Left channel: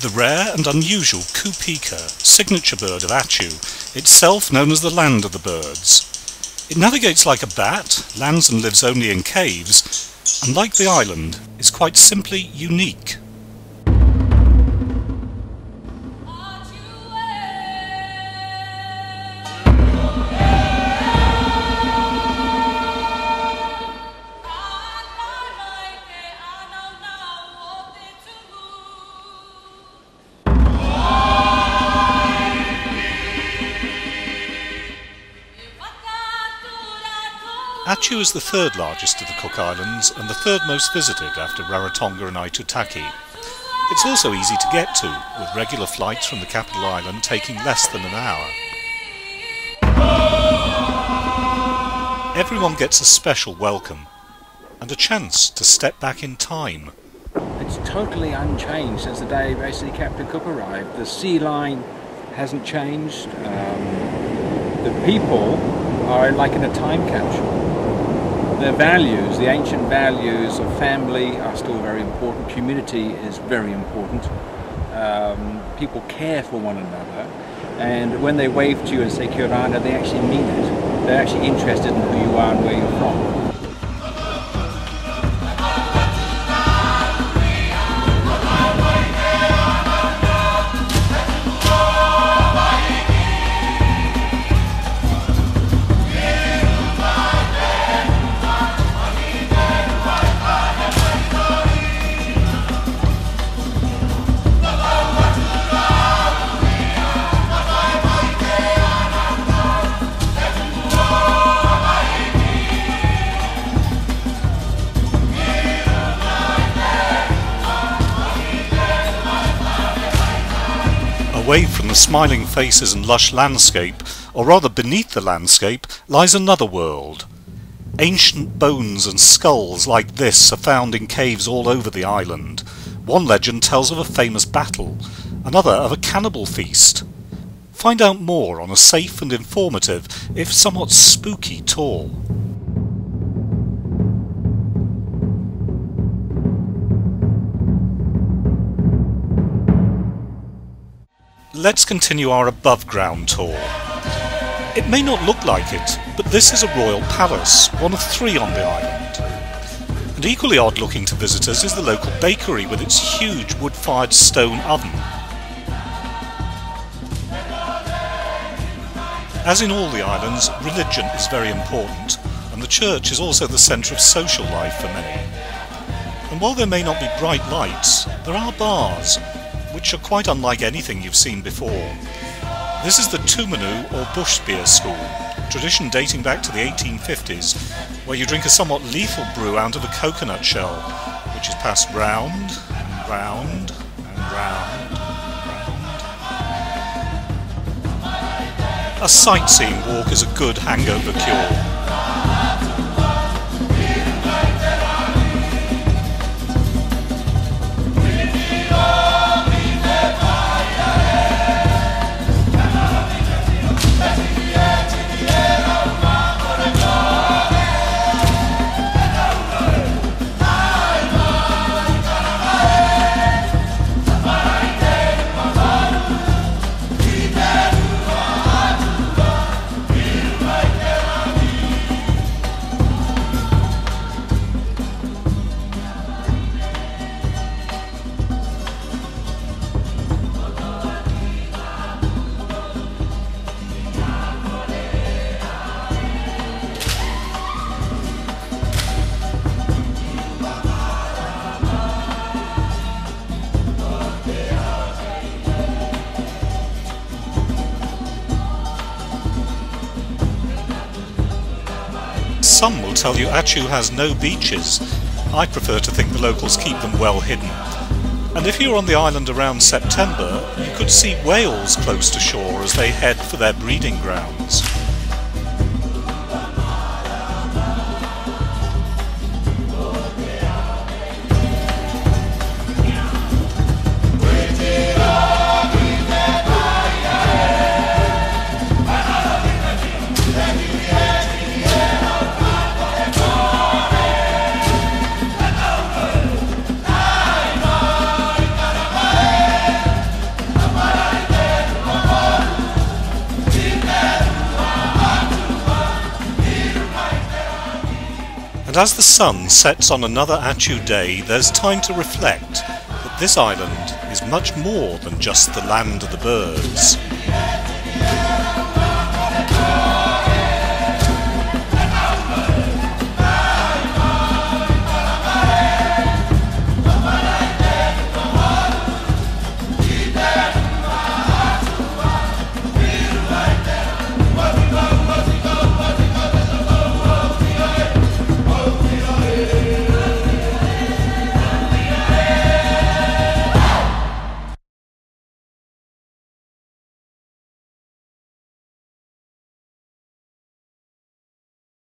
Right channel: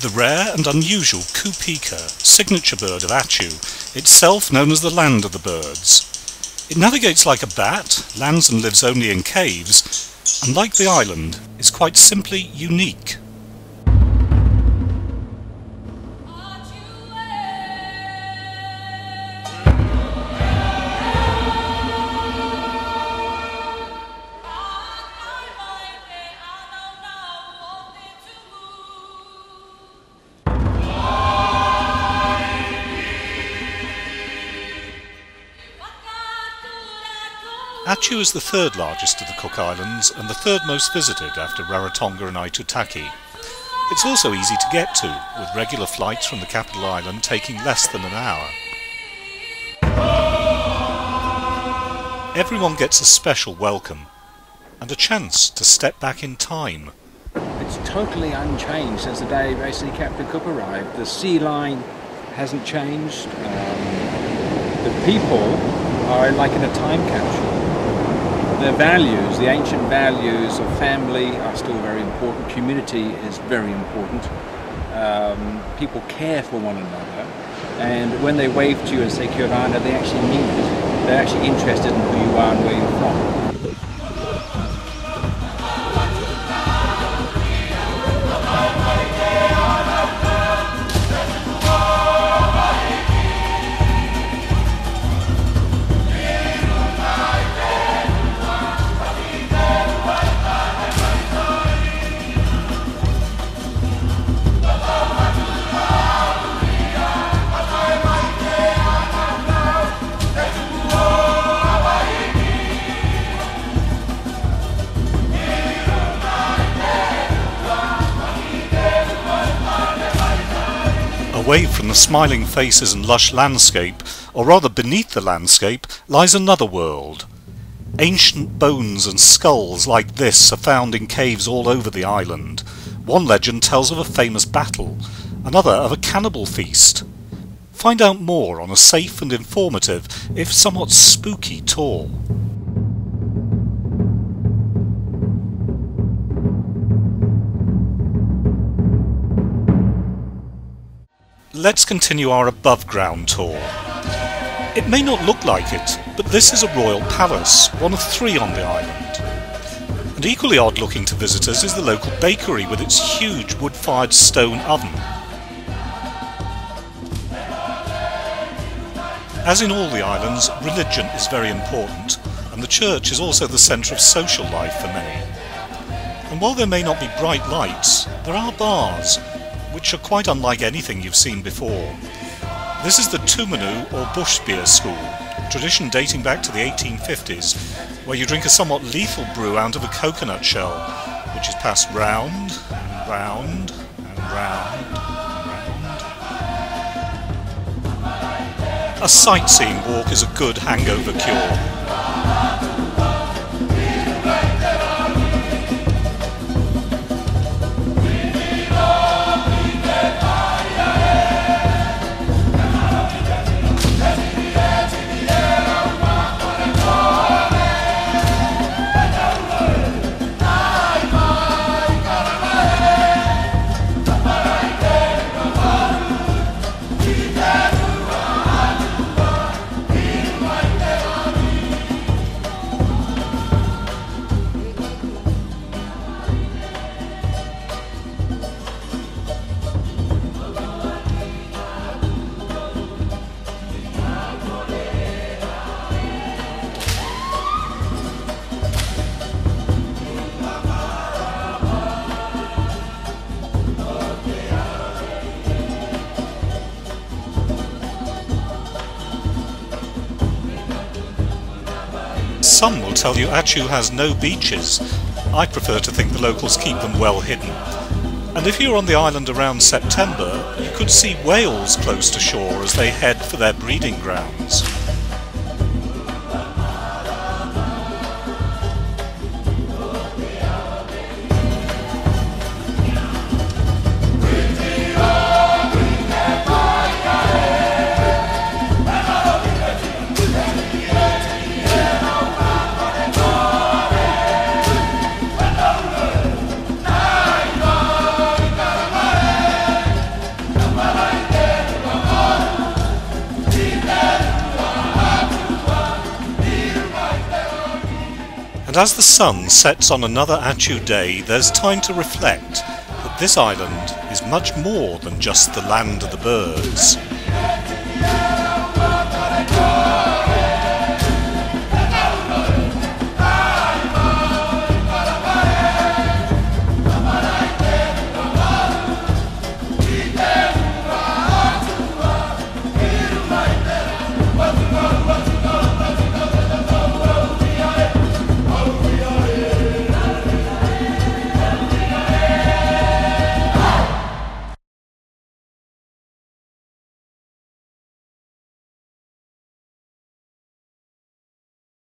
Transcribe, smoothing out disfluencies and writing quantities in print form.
the rare and unusual kupika, signature bird of Atiu, itself known as the land of the birds. It navigates like a bat, lands and lives only in caves, and like the island, is quite simply unique. Atiu is the third largest of the Cook Islands and the third most visited after Rarotonga and Aitutaki. It's also easy to get to, with regular flights from the capital island taking less than an hour. Everyone gets a special welcome and a chance to step back in time. It's totally unchanged since the day basically Captain Cook arrived. The sea line hasn't changed. The people are like in a time capsule. Their values, the ancient values of family are still very important. Community is very important. People care for one another. And when they wave to you and say Kia ora, they actually mean it. They're actually interested in who you are and where you're from. Away from the smiling faces and lush landscape, or rather beneath the landscape, lies another world. Ancient bones and skulls like this are found in caves all over the island. One legend tells of a famous battle, another of a cannibal feast. Find out more on a safe and informative, if somewhat spooky, tour. Let's continue our above-ground tour. It may not look like it, but this is a royal palace, one of 3 on the island. And equally odd-looking to visitors is the local bakery with its huge wood-fired stone oven. As in all the islands, religion is very important, and the church is also the centre of social life for many. And while there may not be bright lights, there are bars, which are quite unlike anything you've seen before. This is the Tumanu or bush beer school, a tradition dating back to the 1850s, where you drink a somewhat lethal brew out of a coconut shell, which is passed round and round and round and round. A sightseeing walk is a good hangover cure. Some will tell you Atiu has no beaches. I prefer to think the locals keep them well hidden. And if you're on the island around September, you could see whales close to shore as they head for their breeding grounds. And as the sun sets on another Atiu day, there's time to reflect that this island is much more than just the land of the birds.